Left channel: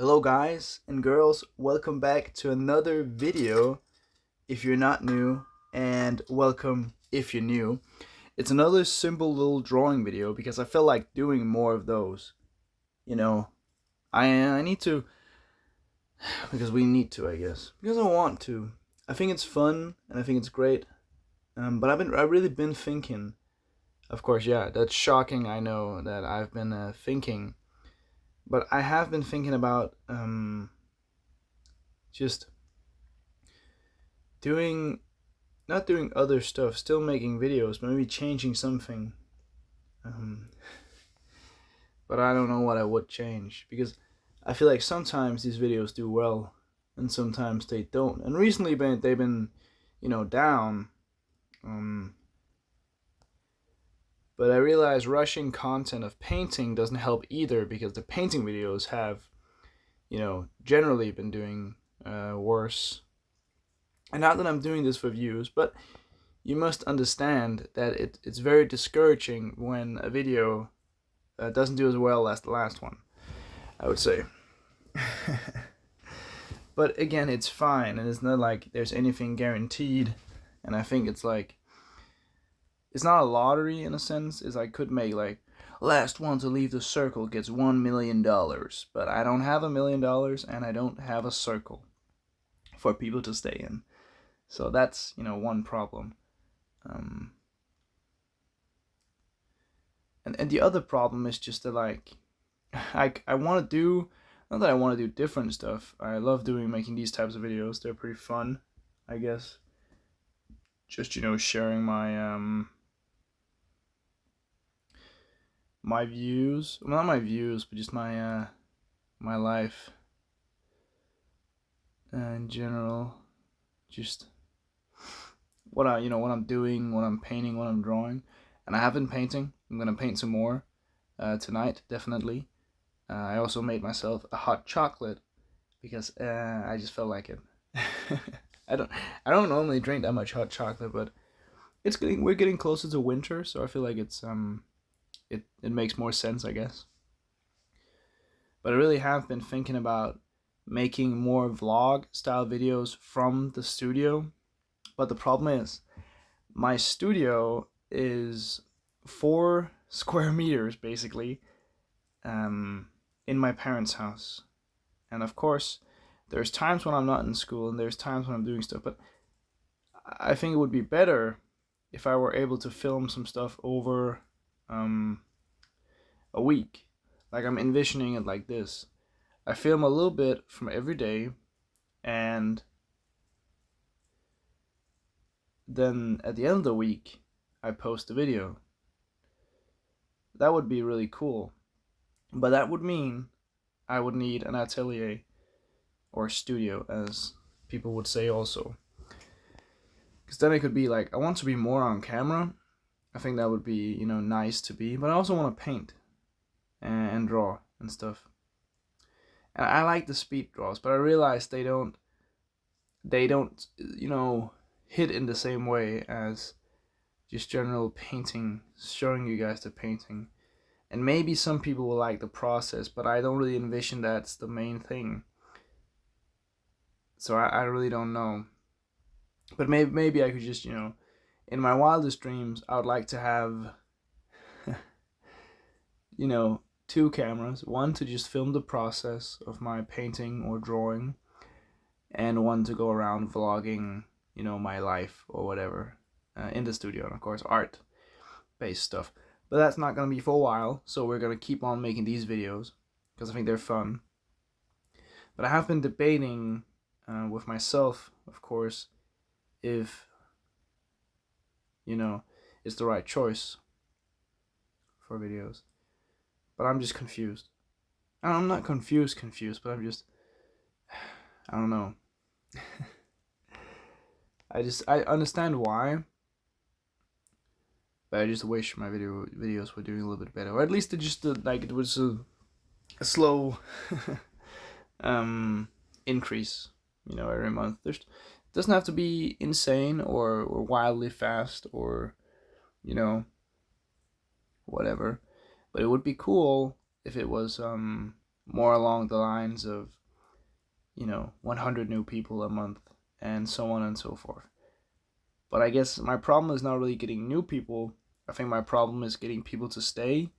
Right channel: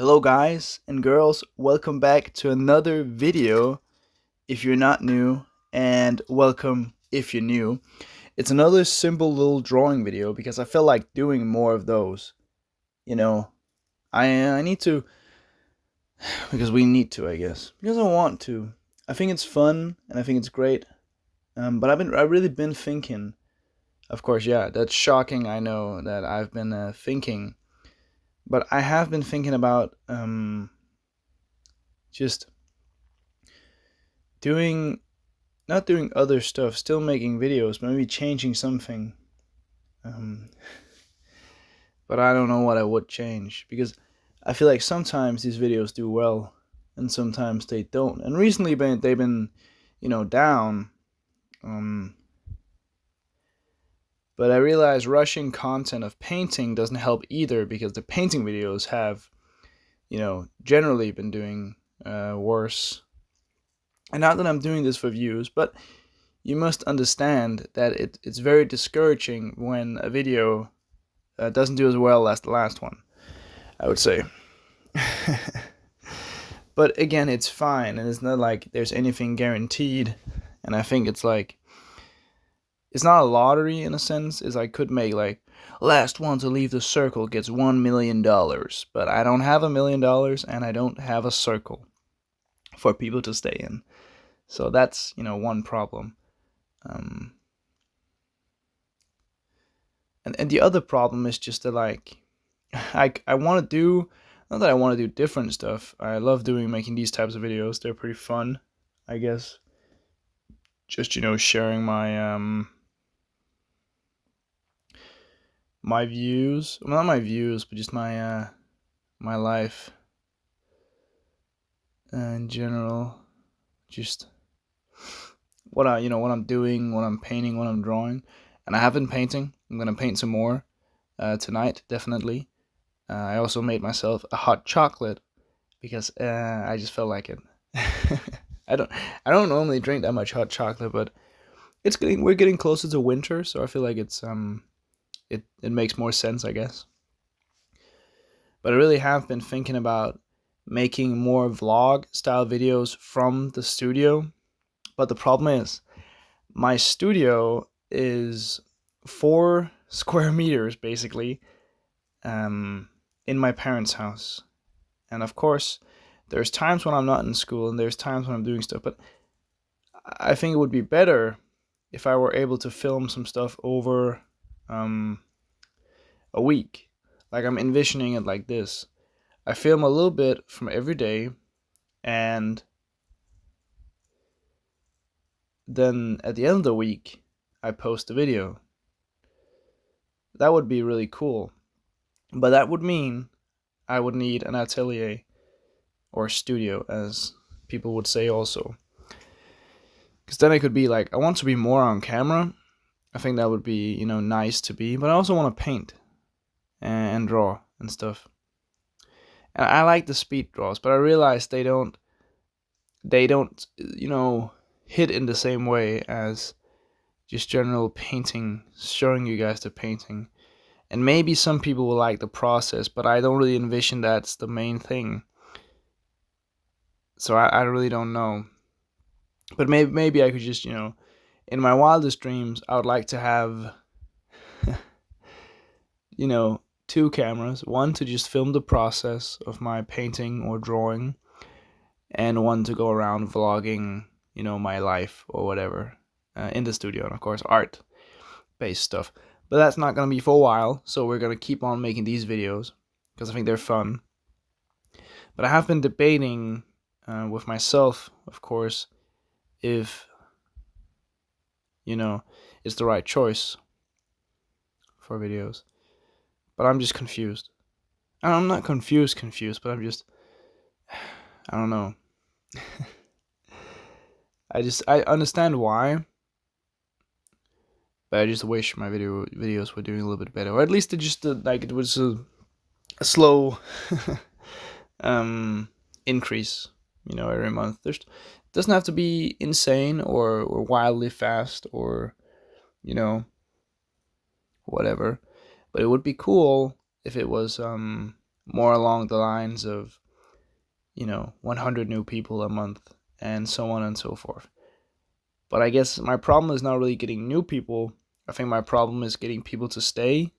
Hello guys and girls, welcome back to another video if you're not new, and welcome if you're new. It's another simple little drawing video because I felt like doing more of those. You know, I need to, because we need to, I guess. Because I want to. I think it's fun and I think it's great. But I've really been thinking. Of course, yeah, that's shocking. I know that I've been thinking, but I have been thinking about just doing not doing other stuff, still making videos, maybe changing something. Um, but I don't know what I would change because I feel like sometimes these videos do well and sometimes they don't. And recently they've been, down. Um, but I realize rushing content of painting doesn't help either because the painting videos have, generally been doing worse. And not that I'm doing this for views, but you must understand that it's very discouraging when a video doesn't do as well as the last one, I would say. But again, it's fine, and it's not like there's anything guaranteed. And I think it's not a lottery in a sense. Is I could make like last one to leave the circle gets $1 million, but I don't have $1 million, and I don't have a circle for people to stay in. So that's one problem. Um, and the other problem is just that like I want to do, not that I want to do different stuff. I love making these types of videos. They're pretty fun, I guess. Just sharing my views. Well, not my views, but just my life in general. Just what I'm doing, what I'm painting, what I'm drawing. And I have been painting. I'm gonna paint some more tonight, definitely. I also made myself a hot chocolate because I just felt like it. I don't I don't normally drink that much hot chocolate, but we're getting closer to winter, so I feel like it makes more sense, I guess. But I really have been thinking about making more vlog style videos from the studio. But the problem is my studio is 4 square meters basically, in my parents' house. And of course, there's times when I'm not in school and there's times when I'm doing stuff, but I think it would be better if I were able to film some stuff over um, a week. Like I'm envisioning it like this. I film a little bit from every day, and then at the end of the week, I post a video. That would be really cool. But that would mean I would need an atelier or studio, as people would say also. Because then it could be like, I want to be more on camera. I think that would be, nice to be. But I also want to paint and draw and stuff. And I like the speed draws, but I realize they don't hit in the same way as just general painting, showing you guys the painting. And maybe some people will like the process, but I don't really envision that's the main thing. So I really don't know. But maybe I could just, in my wildest dreams, I would like to have, two cameras. One to just film the process of my painting or drawing, and one to go around vlogging, my life or whatever in the studio, and of course art based stuff. But that's not gonna be for a while, so we're gonna keep on making these videos because I think they're fun. But I have been debating with myself, of course, if it's the right choice for videos. But I'm just confused. And I'm not confused, but I don't know. I understand why, but I just wish my videos were doing a little bit better, or at least it was a slow increase, every month. It doesn't have to be insane or wildly fast or you know whatever, but it would be cool if it was more along the lines of 100 new people a month and so on and so forth. But I guess my problem is not really getting new people. I think my problem is getting people to stay,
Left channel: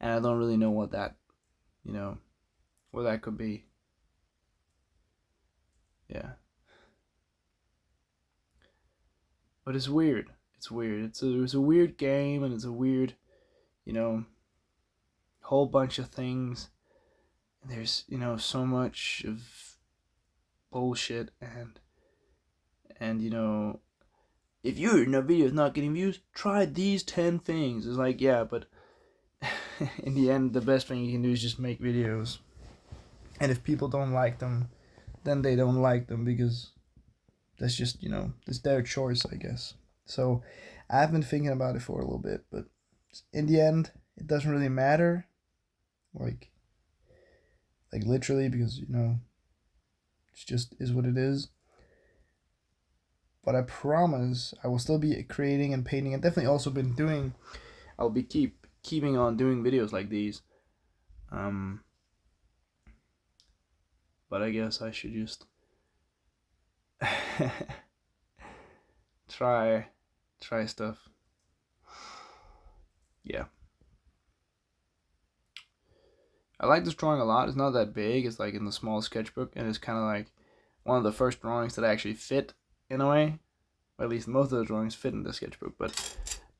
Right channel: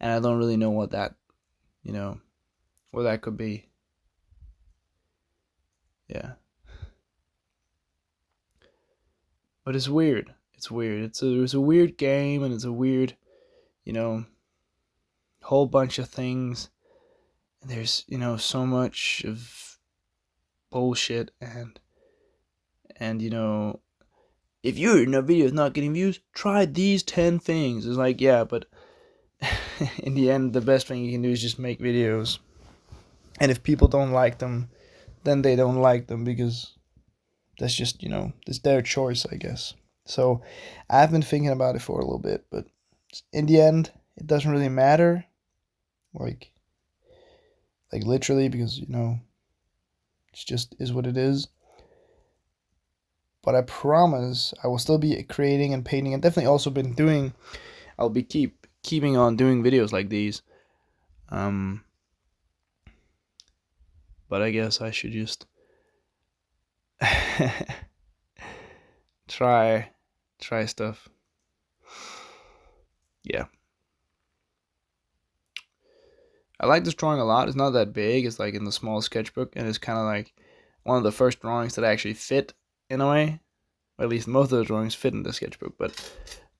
and I don't really know what that what that could be. Yeah. But it's weird. It's weird. It's a weird game, and it's a weird, whole bunch of things. And there's, so much of bullshit, and if your video is not getting views, try these 10 things. It's like, yeah, but in the end, the best thing you can do is just make videos. And if people don't like them, then they don't like them, because that's just, it's their choice, I guess. So I've been thinking about it for a little bit, but in the end, it doesn't really matter. Like literally, because, it's just is what it is. But I promise I will still be creating and painting, and definitely also I'll be keeping on doing videos like these. But I guess I should just try stuff. Yeah. I like this drawing a lot. It's not that big. It's like in the small sketchbook, and it's kind of like one of the first drawings that actually fit in a way. Or at least most of the drawings fit in the sketchbook, but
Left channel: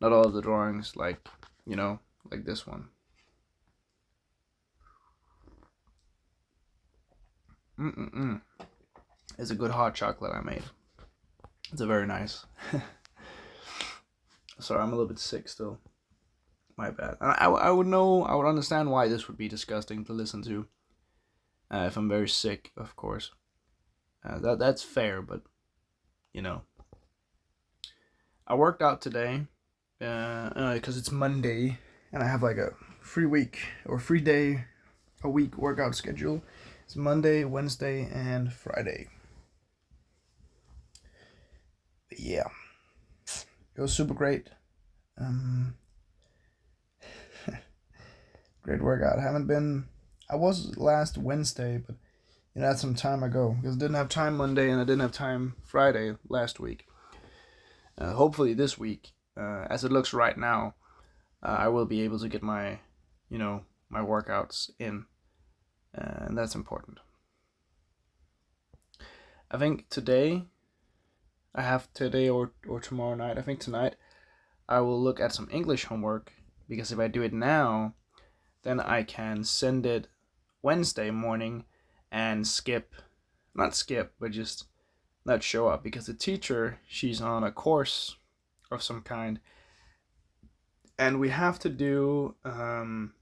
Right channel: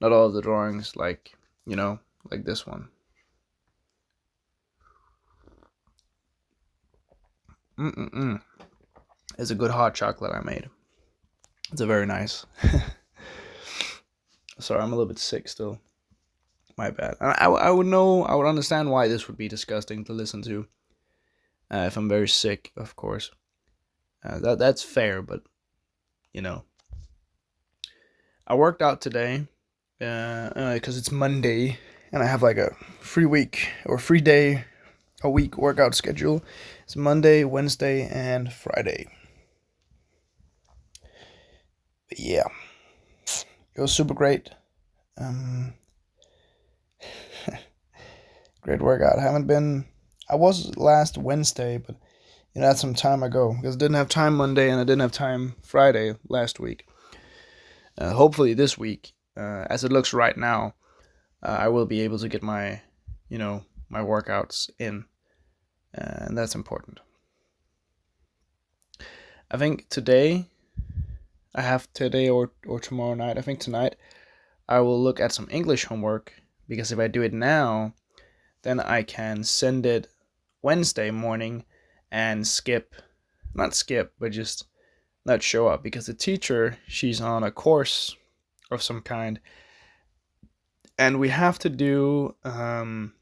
not all of the drawings, like this one. It's a good hot chocolate I made. It's a very nice. Sorry, I'm a little bit sick still. My bad. I would understand why this would be disgusting to listen to. If I'm very sick, of course. That's fair, but I worked out today because it's Monday, and I have like a free day a week workout schedule. It's Monday, Wednesday, and Friday. But yeah, it was super great. Great workout. I was last Wednesday, but that's some time ago, because I didn't have time Monday and I didn't have time Friday last week. Hopefully this week, as it looks right now, I will be able to get my workouts in, and that's important. I think today or tomorrow night, I think tonight, I will look at some English homework, because if I do it now, then I can send it Wednesday morning and just not show up, because the teacher, she's on a course of some kind, and we have to do an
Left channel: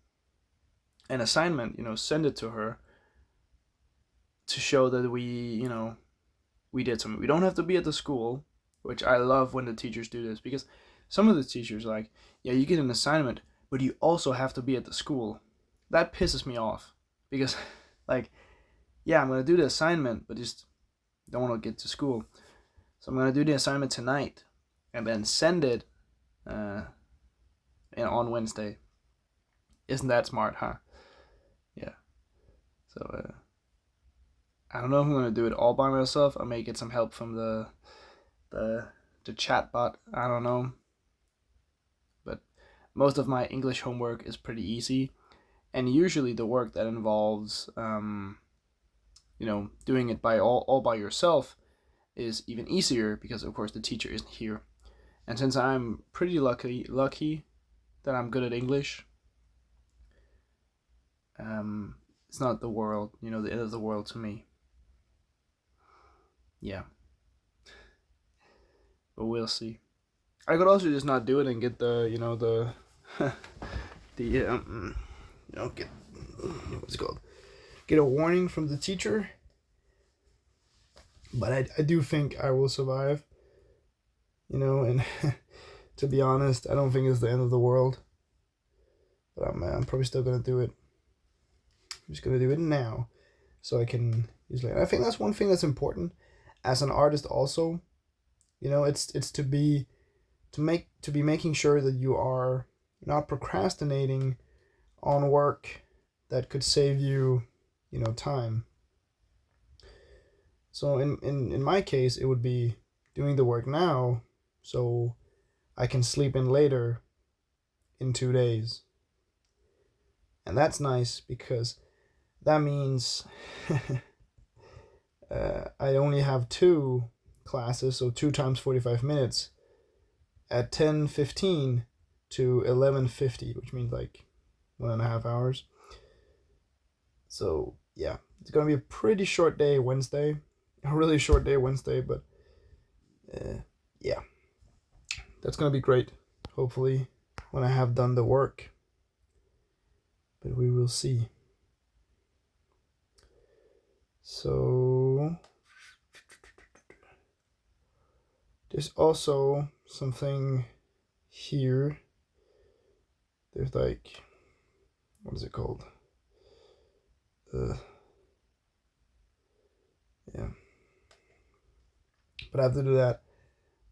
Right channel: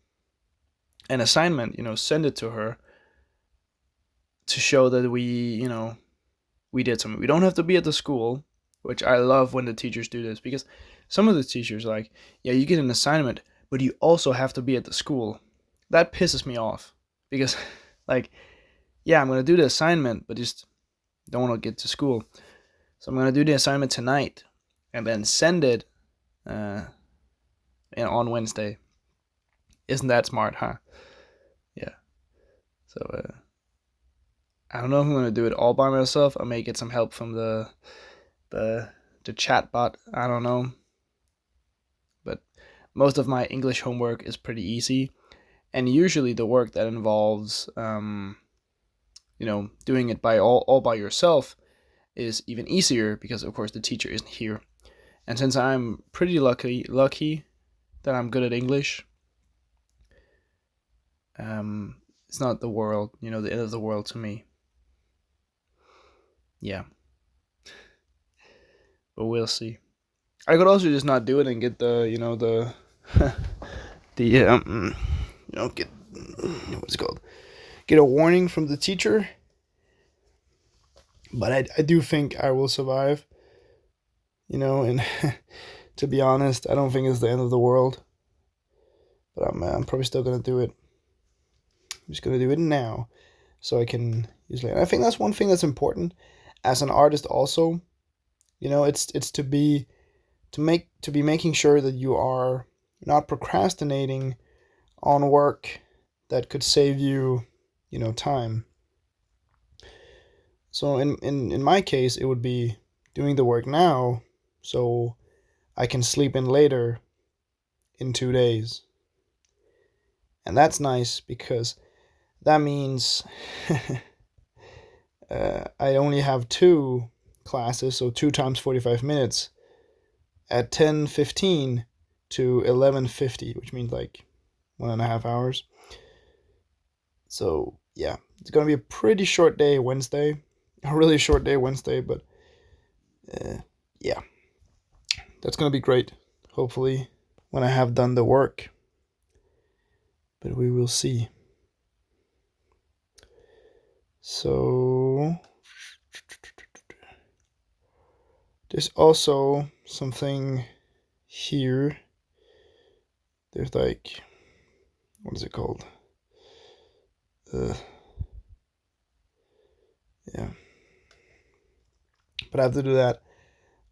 assignment, send it to her to show that we did something. We don't have to be at the school, which I love when the teachers do this, because some of the teachers are like, yeah, you get an assignment, but you also have to be at the school. That pisses me off, because like, yeah, I'm going to do the assignment, but just don't want to get to school. So I'm going to do the assignment tonight and then send it on Wednesday. Isn't that smart, huh? Yeah. So I don't know if I'm going to do it all by myself. I may get some help from the chat bot. I don't know. But most of my English homework is pretty easy. And usually the work that involves, doing it all by yourself is even easier, because of course the teacher isn't here. And since I'm pretty lucky that I'm good at English, it's not the world, the end of the world to me. Yeah. But we'll see. I could also just not do it and get the, get, what's it called? Get a warning from the teacher. But I do think I will survive, and to be honest, I don't think it's the end of the world. But I'm probably still going to do it. I'm just going to do it now, so I can usually. And I think that's one thing that's important as an artist also. It's to be making sure that you are not procrastinating on work, that could save you, time. So in my case, it would be doing the work now so I can sleep in later in 2 days. And that's nice because that means I only have two classes, so 2 times 45 minutes at 10:15 to 11:50, which means like 1.5 hours. So yeah, it's gonna be a pretty short day Wednesday, a really short day Wednesday, but uh, yeah, that's gonna be great. Hopefully, when I have done the work, but we will see. So there's also something here. There's like, what is it called? Yeah, but I have to do that.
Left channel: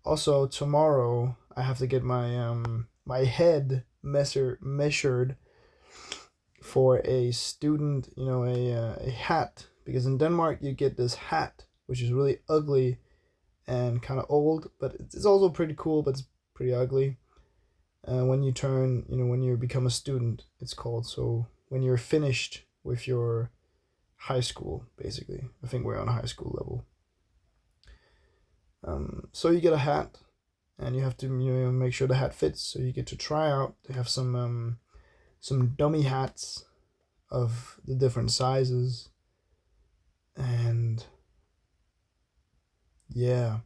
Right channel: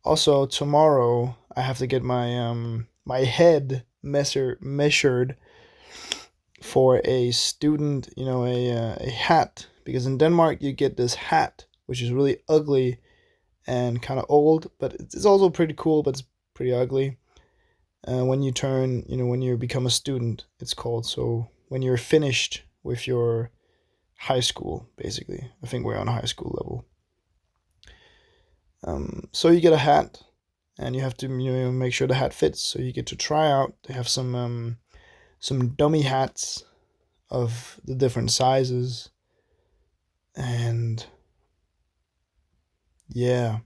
Also, tomorrow I have to get my head measured for a student, a hat, because in Denmark you get this hat which is really ugly and kind of old, but it's also pretty cool, but it's pretty ugly. When you turn, when you become a student, it's called. So when you're finished with your high school, basically, I think we're on high school level. So you get a hat, and you have to make sure the hat fits. So you get to try out. They have some dummy hats of the different sizes, and yeah,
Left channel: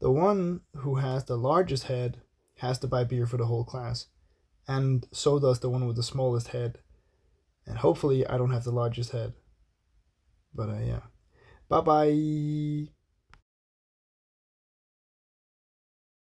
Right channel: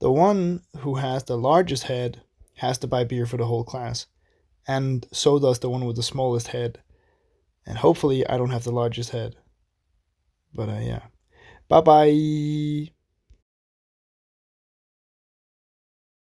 the one who has the largest head has to buy beer for the whole class, and so does the one with the smallest head. And hopefully, I don't have the largest head. But yeah, bye bye.